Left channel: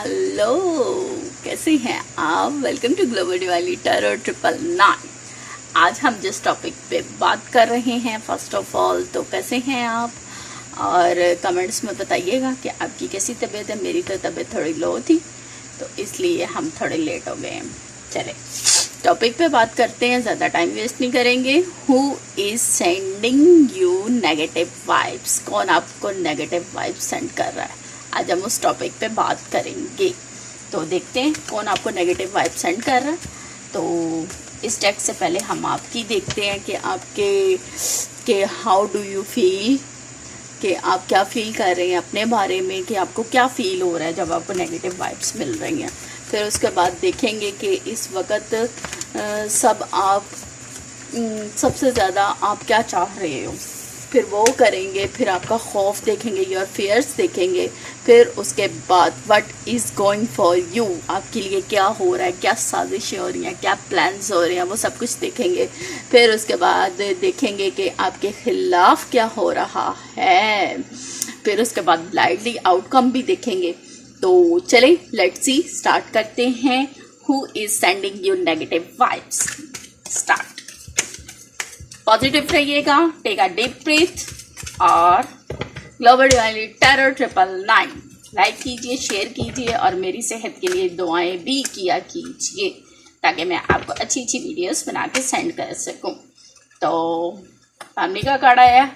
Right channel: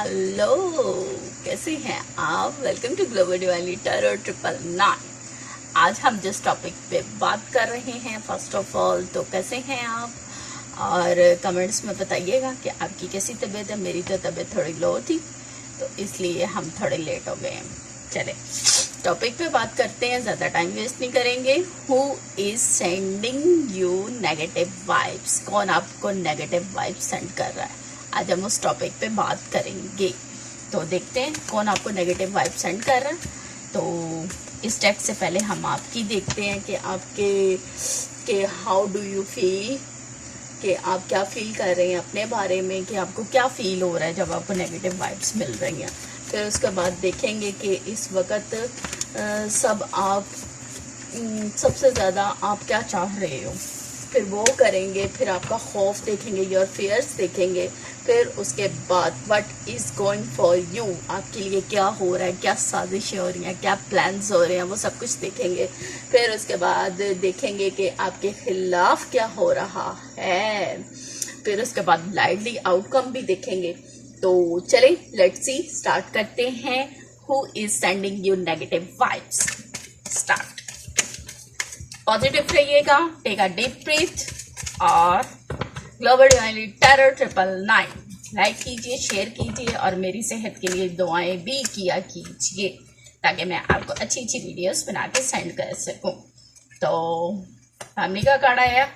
Hello, कैसे हैं आप। Welcome to global divinely tarot 999। आज हम जिस टॉपिक पे बात कर रहे हैं, फर्स्ट ऑफ ऑल तो कैसे हैं आप, और कमेंट्स में बताइएगा कि आपकी कैसी तबीयत है। मेरी तो तबीयत थोड़ी लो थी, तो इसलिए हम थोड़े लेट हो गए हैं। चले टॉपिक पे बात करते हैं, ज़्यादा टाइम वेस्ट नहीं करेंगे। Who is sending you negative vibes? कौन आपको नेगेटिव वाइब्स सेंड कर रहा है? आज हम उस टॉपिक पे बात करेंगे। तो देखते हैं कौन आपको नेगेटिव वाइब सेंड कर रहा है। तो इस टेक्स्ट से पहले हम आपकी देखते हैं कि आपके हाउ डू यू फील, कि आप क्या फील कर रहे हैं अपने बारे में, कि आपको क्या फील हो रहा है जब आपको नेगेटिव वाइब्स मिल रही हैं। फिर उसके बाद देखेंगे कि इस वक्त सबसे ज़्यादा आप क्या चाह रहे हो, फिर वो करेंगे। फिर आपका खौफ देखेंगे, योर फियर्स देखेंगे। फिर उसके बाद what is going for you, आपके लिए क्या हो रहा है, क्या साजिशें हो रही हैं, क्या प्लान्स हो रहे हैं, वो सब कुछ देखेंगे। फिर उसके बाद देखेंगे कि आपके खिलाफ क्या हो रहा है। फिर उसके बाद ब्लाइंडली आउटकम भी देखेंगे। तो चलें, लेट्स सी, स्टार्ट करते हैं। Who is sending you negative vibes? Start. Positive रहिएगा, टेक अ डीप ब्रीथ, और ग्लोबल डिवाइनली टैरो 999 लाइक कीजिए, शेयर कीजिए, और मेरी सेहत के लिए दुआएं भी किया कीजिए, ताकि मैं आपको अच्छी अच्छी वीडियोस बना के सेंड कर सकूं। तो फैमिली का कार्ड आया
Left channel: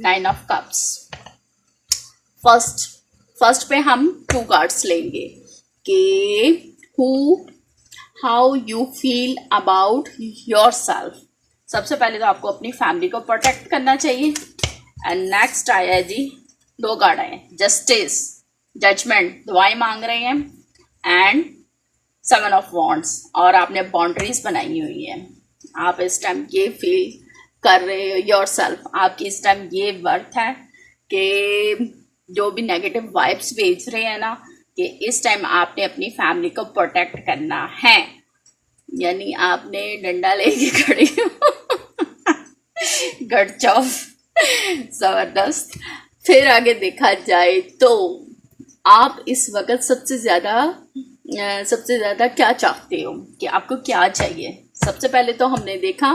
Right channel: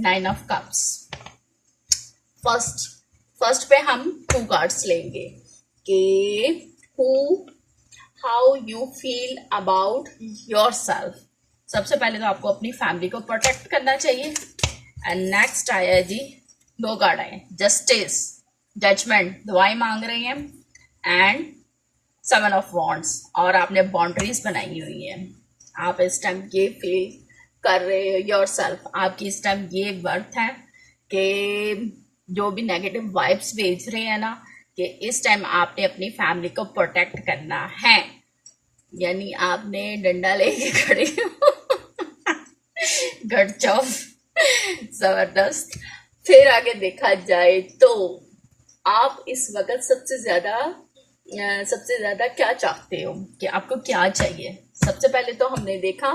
9 ऑफ कप्स। फर्स्ट पे हम 2 कार्ड्स लेंगे कि how you feel about your self. सबसे पहले तो आपको अपनी फैमिली को प्रोटेक्ट करना चाहिए। एंड नेक्स्ट आया जी, 2 कार्ड आए, जस्टिस, जजमेंट, दुआएं मांग रहे हैं, एंड 7 ऑफ वॉन्ड्स, और आपने बाउंड्रीज बनाई हुई है। आप इस टाइम ये फील कर रहे हो योर सेल्फ, आपकी इस टाइम ये वर्थ है कि जो भी नेगेटिव वाइब्स भेज रहे हैं ना, कि इस टाइम आपने अपनी फैमिली को प्रोटेक्ट करना है। यानी आपने डंडा लेके खड़े हो। गुड जॉब, जबरदस्त। फिर आगे देखा जाए तो आप इस वक्त सबसे ज्यादा क्या चाहते हो, कि आपको क्या चाहिए। सबसे पहले तो हमने देखा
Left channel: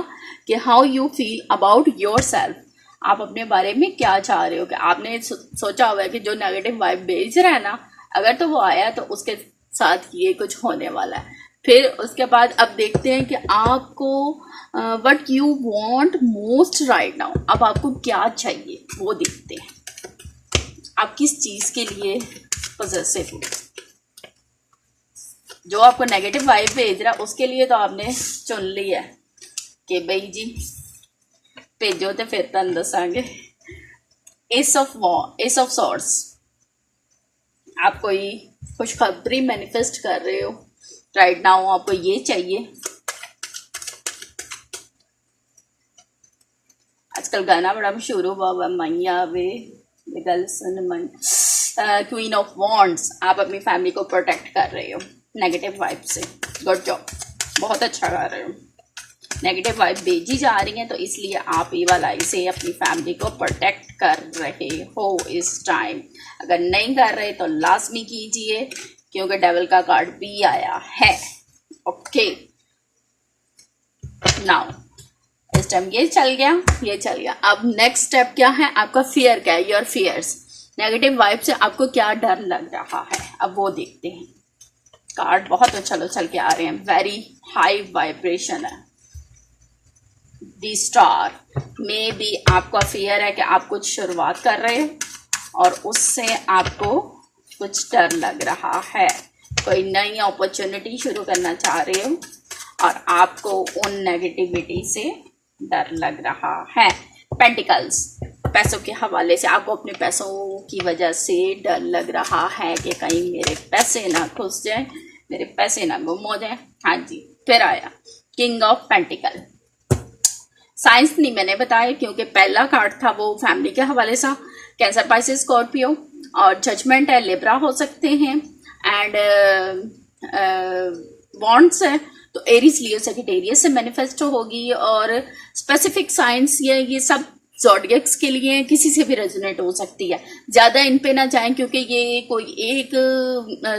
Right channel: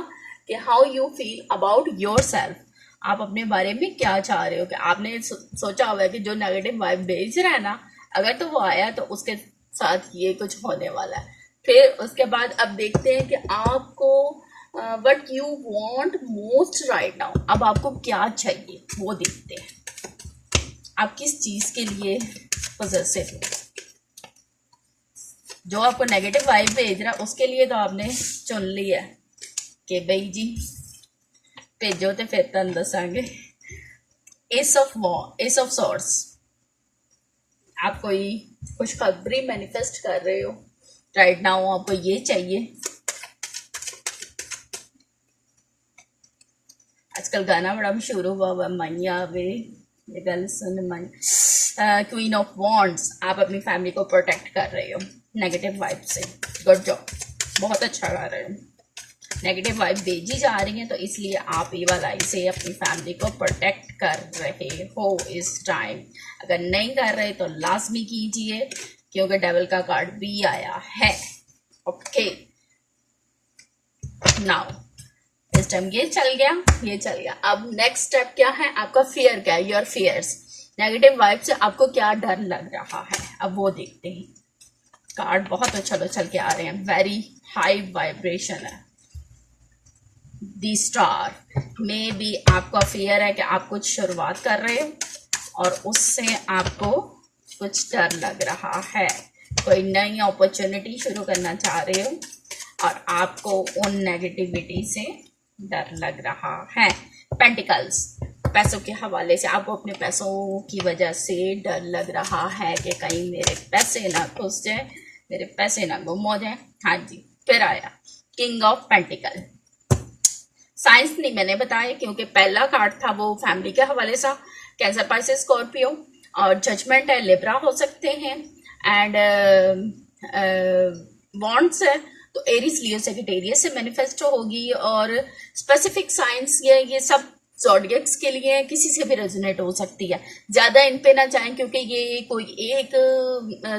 कि how you feel about your self, आप अपने बारे में क्या चाह रहे हो। कि आपने सोचा हुआ है कि जो नेगेटिव वाइब भेज रहा है ना, अगर तो वो आया तो उसके साथ ये कुछ होने वाला है। फिर उसके बाद अब देखते हैं कि आपको what you want most right now, अब आपको क्या चाहिए वो देखते हैं। आप किस चीज के लिए पॉजेसिव हो। जो आपको नेगेटिव वाइब भेज रहा है उसके लिए तो आपने चुन लिया है कि भाई जी भेजो, तो फिर तुम दसांगे। एस ऑफ सॉर्ड्स, आप कोई खुशखबरी मैनिफेस्ट कर रहे हो राइट नाउ, आपको ये चाहिए। आजकल गाना बड़ा मशहूर हुआ मैया वे ये गल सुन मन। क्वीन ऑफ वॉन्ड्स, आप अपनी फैमिली को प्रोटेक्ट कर रहे हो नेगेटिव वाइब से। गुड जॉब, बहुत अच्छा कर रहे हो। नेगेटिव वाइब भेजी जा रही है, तो इसलिए आप ये वाला इसे अपनी फैमिली को प्रोटेक्ट कर रहे हो इस टाइम। अगर नहीं कर रहे तो लाजमी कीजिए, क्योंकि डेविल का कार्ड भी आया है। ओके, नाउ इस टाइम ये चल गया। अब नेक्स्ट स्टेप क्या है, आपका फियर क्या है, योर फियर्स। नेगेटिव वाइब से आपको क्या डर लग रहा है, अब वो देखते हैं। कार्ड बहुत उछल के आ रहे हैं, वेरी हाई वाइब्रेशन है। दी स्टार, मे बी आपका फियर है कि आप कुछ शुरुआत कर रहे हो और उससे आपको कुछ डर लग रहा है। कोई नई अपॉर्चुनिटी शुरू करना चाह रहे हो और आपको उन नेगेटिविटी से डर लग रहा है। पेंटिकल्स, पैसों के हवाले से आपको अपने पैसों की वजह से डर लग रहा है कि कहीं मेरे पैसे ना घुस जाए, मेरे पैसे ना गुम हो जाए। हाँ जी, फिर आया किंग ऑफ पेंटिकल। साइंस नहीं मैंने बताया, क्योंकि पहला कार्ड था वो फैमिली के हवाले से, कैंसर, पाइसेस, स्कॉर्पियो, और जजमेंट है, लिब्रा हो सकते हैं, एंड बॉन्ड्स है तो एरीज, लियो, सेजिटेरियस से मैनिफेस्टो होगी। और स्पेसिफिक साइंस ये सब ज़ोडिएक्स के लिए किसी से भी रेजोनेट हो सकती है। ज़्यादा इन पे ना जाएं क्योंकि ये कोई एक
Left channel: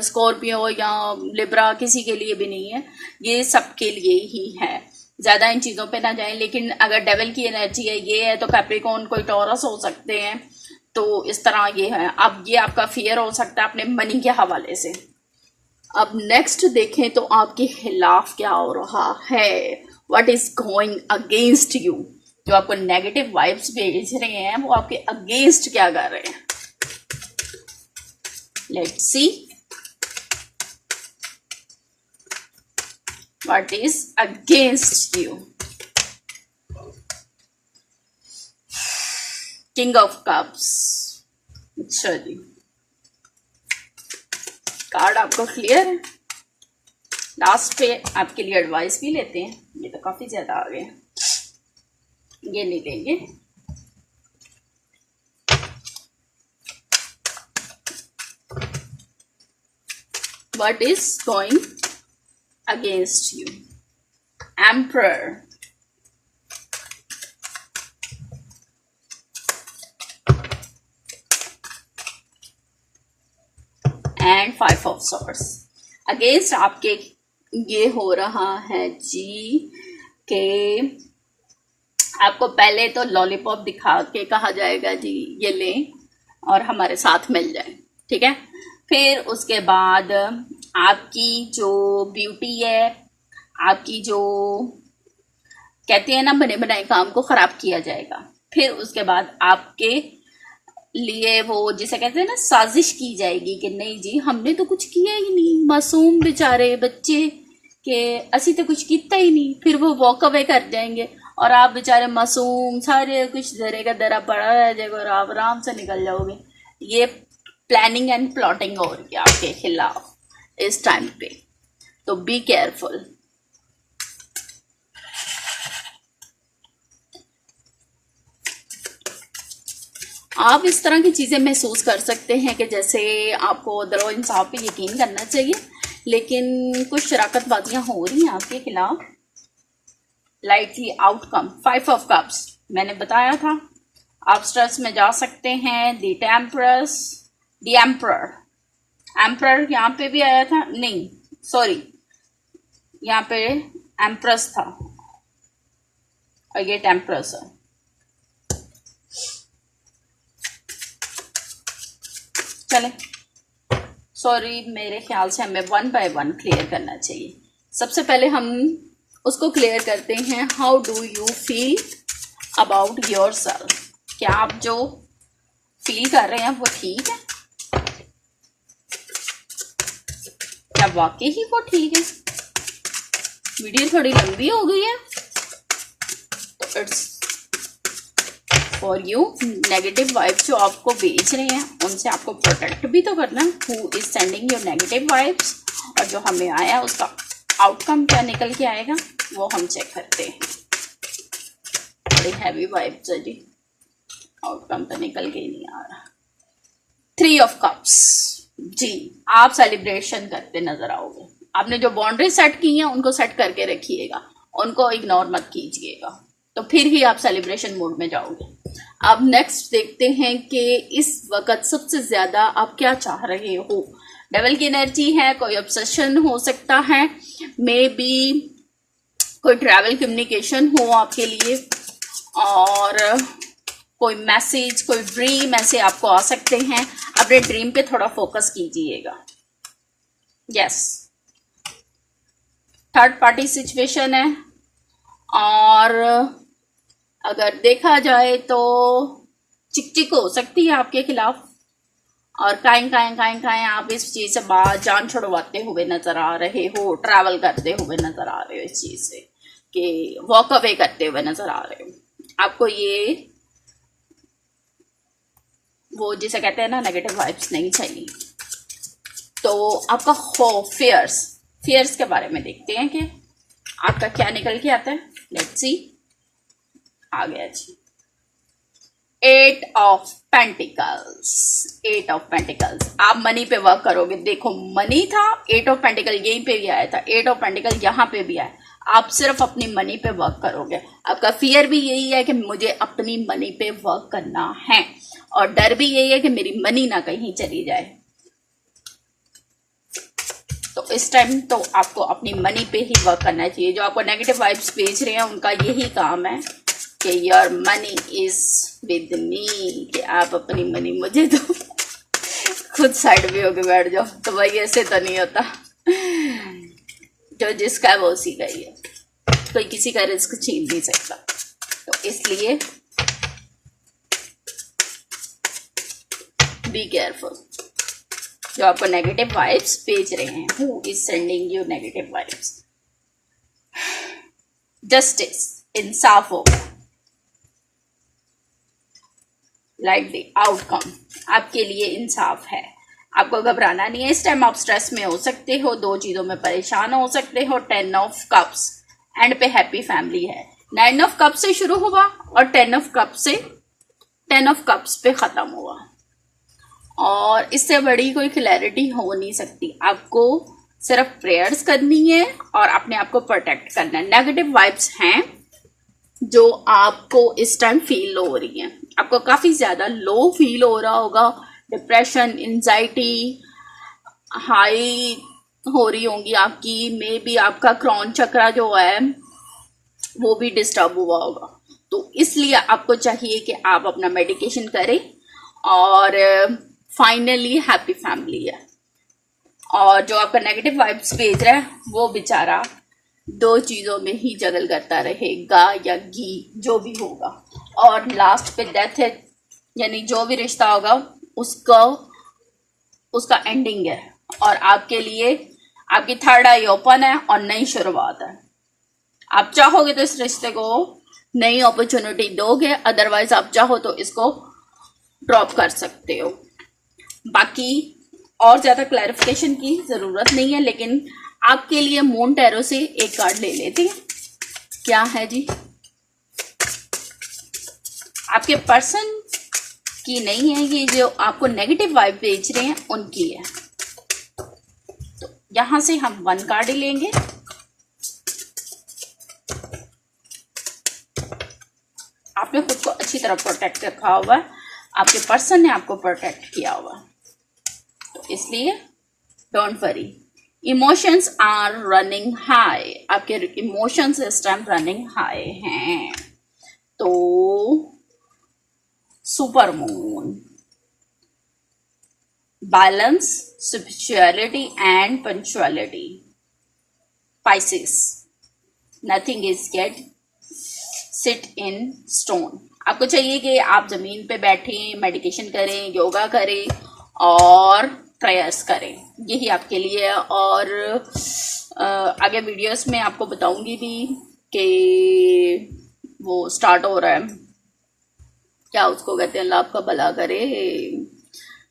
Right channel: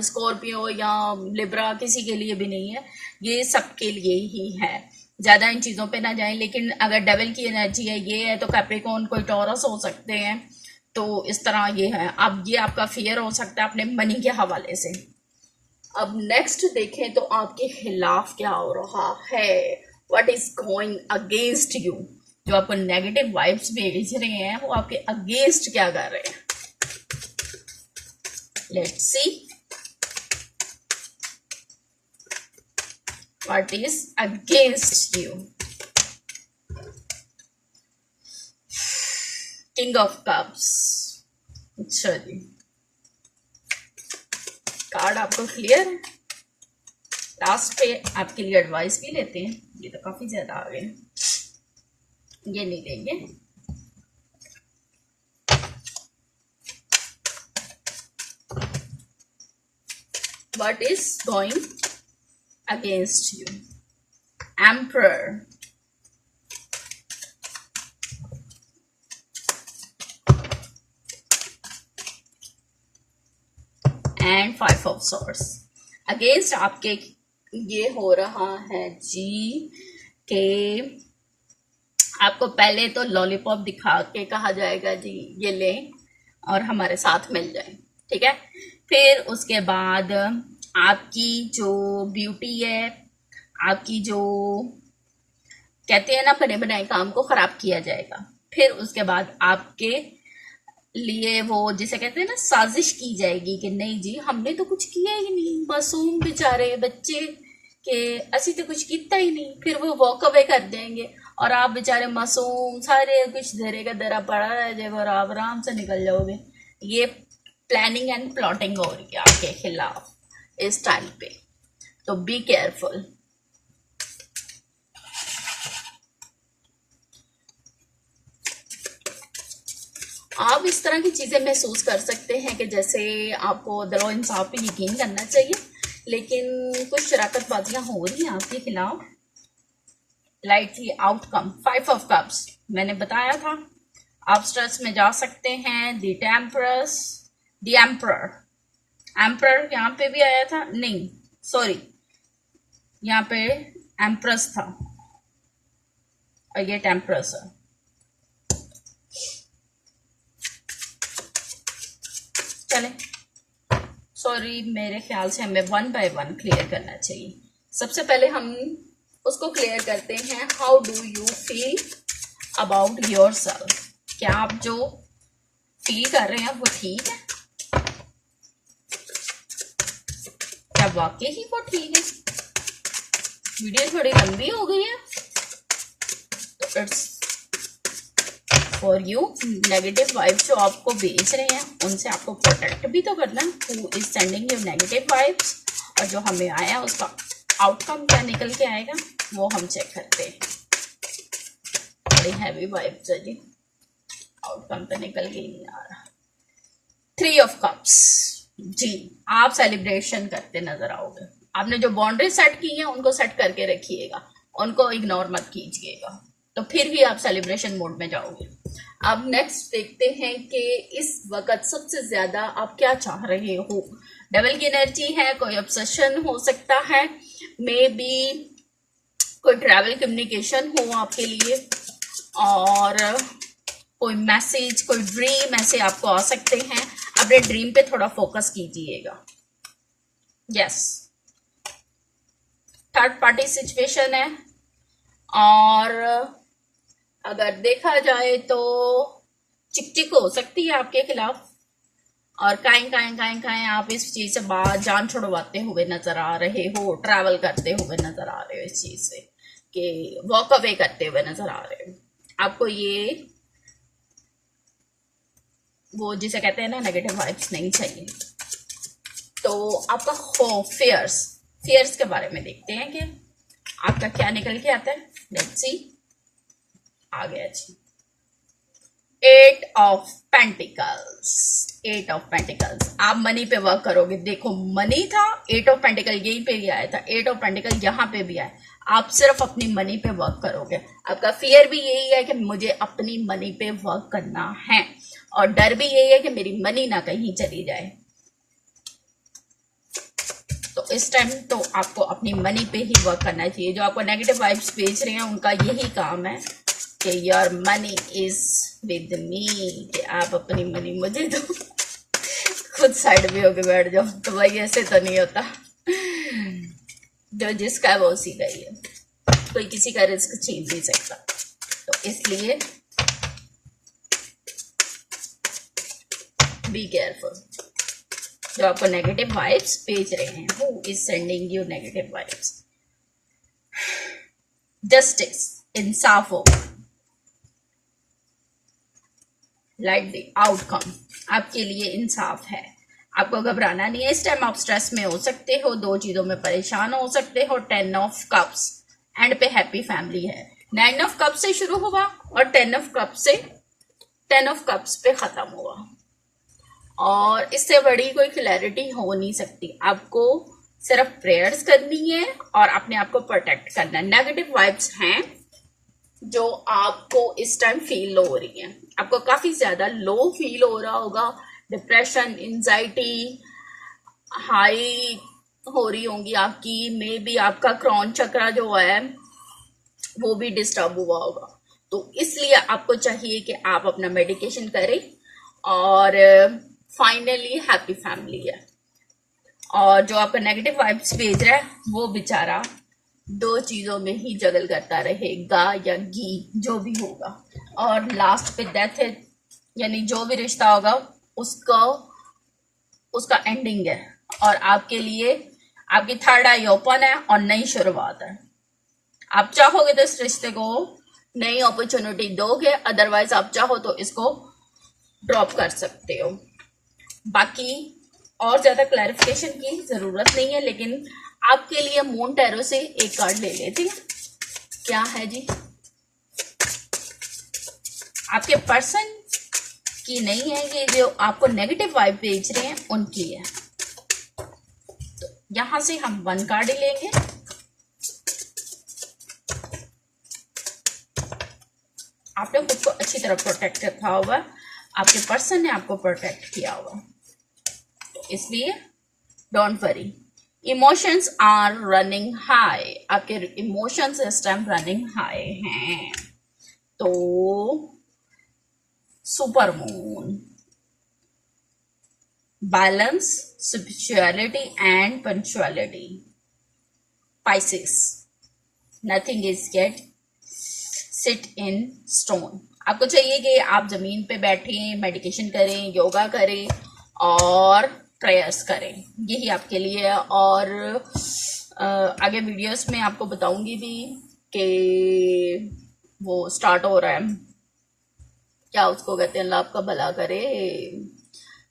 स्कॉर्पियो या लिब्रा किसी के लिए भी नहीं है, ये सबके लिए ही है। ज़्यादा इन चीज़ों पे ना जाएं। लेकिन अगर डेविल की एनर्जी है, ये है, तो कैप्रिकॉर्न कोई टॉरस हो सकते हैं। तो इस तरह ये है। अब ये आपका फियर हो सकता है अपने मनी के हवाले से। अब नेक्स्ट देखें तो आपके खिलाफ क्या हो रहा है, what is going against you. जो आपको नेगेटिव वाइब्स भेज रहे हैं वो आपके अगेंस्ट क्या कर रहे हैं। Let's see what is against you. King of cups. अच्छा जी, कार्ड आपको क्लियर है। लास्ट पे आपके लिए एडवाइस भी लेते हैं। ये तो काफी ज्यादा आ गए, ये नहीं लेंगे। What is going against you. Emperor, and 5 of swords. Against आपके ये हो रहा है जी कि आपको पहले तो लॉलीपॉप दिखा के कहा जाएगा जी ये लें और हमारे साथ मिल जाए, ठीक है। फिर उसके बाद आपकी जो ब्यूटी है, आपकी जो कहते हैं ना बने बनाए काम को खराब किया जाएगा। फिर उसके बाद आपके लिए वो जिसे कहते हैं ना साजिश की जाएगी कि नहीं जी हमने तो कुछ किया ही नहीं, मासूम बेचारे बच्चे के असी तो कुछ किया ही नहीं। फिर वो वॉक अवे कर जाएंगे और आप बेचारे मासूम सारे कुछ धरे का धरा पड़ा रह जाएगा और आप आराम से निकल जाओगे। ये प्लानिंग एंड प्लॉटिंग हो रही है आपके खिलाफ इस टाइम पे, तो बी केयरफुल। आप इस तरह की चीजें महसूस कर सकते हैं कि जैसे आपको दरो इंसाफ पे यकीन करना चाहिए, लेकिन कुछ शराकतबाजियां हो रही हैं आपके खिलाफ। लाइटली आउटकम 5 ऑफ कप्स मैंने बताया था। आप स्ट्रेस में जा सकते हैं। द टेम्परस, द एम्परर, एम्परर यहाँ पे भी आया था, नहीं सॉरी यहाँ पे एम्प्रेस था और ये टेम्परस है। चले सॉरी, मेरे ख्याल से हमें 1 बाय 1 क्लियर करना चाहिए। सबसे पहले हम उसको क्लियर करते हैं। How do you feel about your self. क्या आप जो फील कर रहे हैं वो ठीक है? क्या वाकई ही वो ठीक है? वीडियो थोड़ी लंबी हो गई है तो it's for you. Negative vibe जो आपको भेज रहे हैं उनसे आपको प्रोटेक्ट भी तो करना। Who is sending you negative vibes, और जो हमें आया उसका आउटकम क्या निकल के आएगा वो हम चेक करते हैं। बड़ी हैवी वाइब्स है जी, आउटकम तो निकल के ही नहीं आ रहा। 3 ऑफ कप्स जी, आप सेलिब्रेशन करते नजर आओगे। आपने जो बाउंड्री सेट की हैं उनको सेट करके रखिएगा, उनको इग्नोर मत कीजिएगा, तो फिर ही आप सेलिब्रेशन मोड में जाओगे। अब नेक्स्ट देखते हैं कि इस वक्त सबसे ज्यादा आप क्या चाह रहे हो। डेविल की एनर्जी है, कोई ऑब्सेशन हो सकता है, मे बी कोई ट्रैवल कम्युनिकेशन हो आपके लिए, और कोई मैसेज, कोई ड्रीम ऐसे आपको आ सकते हैं। अपने ड्रीम पे थोड़ा फोकस कीजिएगा। यस, थर्ड पार्टी सिचुएशन है, और अगर देखा जाए तो चिक हो सकती है आपके खिलाफ, और काएं आप इस चीज से बाहर जान छुड़वाते हुए नजर आ रहे हो, ट्रैवल करते हुए नजर आ रहे हो, इस चीज से कि वॉक अवे करते हुए नजर आ रहे हो। आपको ये वो जिसे कहते हैं ना नेगेटिव वाइब्स नहीं चाहिए। तो आपका फियर्स के बारे में देखते हैं कि आपका क्या निकल के आता है। लेट्स सी, आ गया जी 8 ऑफ पेंटिकल्स। 8 ऑफ पेंटिकल्स, आप मनी पे वर्क करोगे। देखो मनी था, 8 ऑफ पेंटिकल यहीं पे भी आया था, 8 ऑफ पेंटिकल यहाँ पे भी आया। आप सिर्फ अपनी मनी पे वर्क करोगे। आपका फियर भी यही है कि मुझे अपनी मनी पे वर्क करना है, और डर भी यही है कि मेरी मनी ना कहीं चली जाए। तो इस टाइम तो आपको अपनी मनी पे ही वर्क करना चाहिए। जो आपको नेगेटिव वाइब्स भेज रहे हैं उनका यही काम है कि your money is with me, कि आप अपनी मनी मुझे दो। खुद साइड भी होके बैठ जाओ। तो भाई ऐसे तो नहीं होता, जो जिसका है वो उसी का ही है, कोई किसी का रिस्क छीन नहीं सकता। तो इसलिए बी केयरफुल। जो आपको नेगेटिव वाइब्स भेज रहे हैं, who is sending you negative vibes, justice, इंसाफ हो, लाइक द आउटकम आपके लिए इंसाफ है। आपको घबराना नहीं है। इस टाइम आप स्ट्रेस में हो सकते हो, दो चीजों में परेशान हो सकते हो। 10 ऑफ कप्स एंड पे हैप्पी फैमिली है। 9 ऑफ कप्स से शुरू हुआ और 10 ऑफ कप्स से 10 ऑफ कप्स पे खत्म हुआ, और इससे बड़ी कोई क्लैरिटी हो नहीं सकती। आपको सिर्फ प्रेयर्स करनी है और अपने आप को प्रोटेक्ट करना है। नेगेटिव वाइब्स हैं जो आपको इस टाइम फील हो रही है। आपको काफी ज्यादा लो फील हो रहा होगा, डिप्रेशन, एंजाइटी हाई हो रही होंगी आपकी। मे बी आपका क्रॉन चक्रा जो है वो भी डिस्टर्ब हुआ होगा। तो इसलिए आपको चाहिए कि आप अपना मेडिकेशन करें, और फाइनली हैप्पी फैमिली है। और जो आपका नेगेटिव वाइब्स भेज रहा है वो बेचारा दो चीजों में ही जगल करता रहेगा, या घी जो भी होगा, और लास्ट पे डेथ है, यानी जो भी रिश्ता होगा उसका एंडिंग है। और आपके लिए आपकी थर्ड आई ओपन है और नई शुरुआत है। आप चाहोगे तो इस रिश्ते को नई अपॉर्चुनिटी दोगे, अदरवाइज आप चाहो तो इसको ड्रॉप कर सकते हो। बाकी और ज्यादा क्लैरिफिकेशन की जरूरत नहीं है, लेकिन आपके लिए मून टैरो से एक कार्ड ले लेते हैं। क्या है जी? आपके पर्सन की नहीं है ये, जो आपको नेगेटिव वाइब भेज रहे हैं उनकी है। तो यहां से हम 1 कार्ड लेंगे। आपने खुद को अच्छी तरह प्रोटेक्ट रखा हुआ है, आपके पर्सन ने आपको प्रोटेक्ट किया हुआ है, तो इसलिए don't worry. Emotions are running high, आपके इमोशंस इस टाइम रनिंग हाई हैं। तो super moon, balance, spirituality and punctuality. Pisces, nothing is get sit in stone. आपको चाहिए कि आप जमीन पे बैठें, मेडिटेशन करें, योगा करें और प्रेयर्स करें, यही आपके लिए है। और आगे वीडियोस में आपको बताऊंगी भी कि वो स्टार्ट हो रहा है, क्या उसको कहते हैं, अल्लाह आपका भला करे,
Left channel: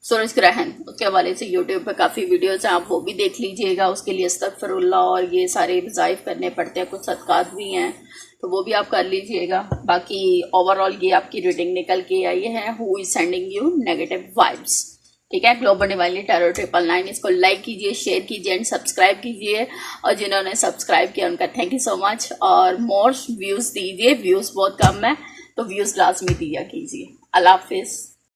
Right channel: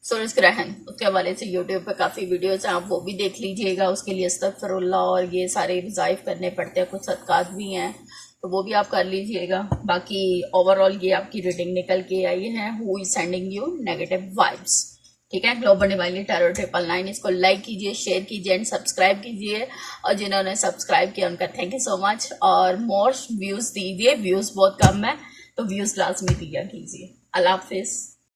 सूरज ग्रहण, उसके हवाले से यूट्यूब पे काफ़ी वीडियोस हैं, आप वो भी देख लीजिएगा। उसके लिए अस्तगफिरुल्लाह और ये सारे वज़ाइफ करने पड़ते हैं, कुछ सदकात भी हैं, तो वो भी आप कर लीजिएगा। बाकी ओवरऑल ये आपकी रीडिंग निकल के आई है, who is sending you negative vibes. ठीक है, ग्लोबल डिवाइनली टैरो 999, इसको लाइक कीजिए, शेयर कीजिए एंड सब्सक्राइब कीजिए। और जिन्होंने सब्सक्राइब किया उनका थैंक यू सो मच। और मोर व्यूज़ दीजिए, व्यूज़ बहुत कम है तो व्यूज़ लाजमी दिया कीजिए। अल्लाह हाफिज़।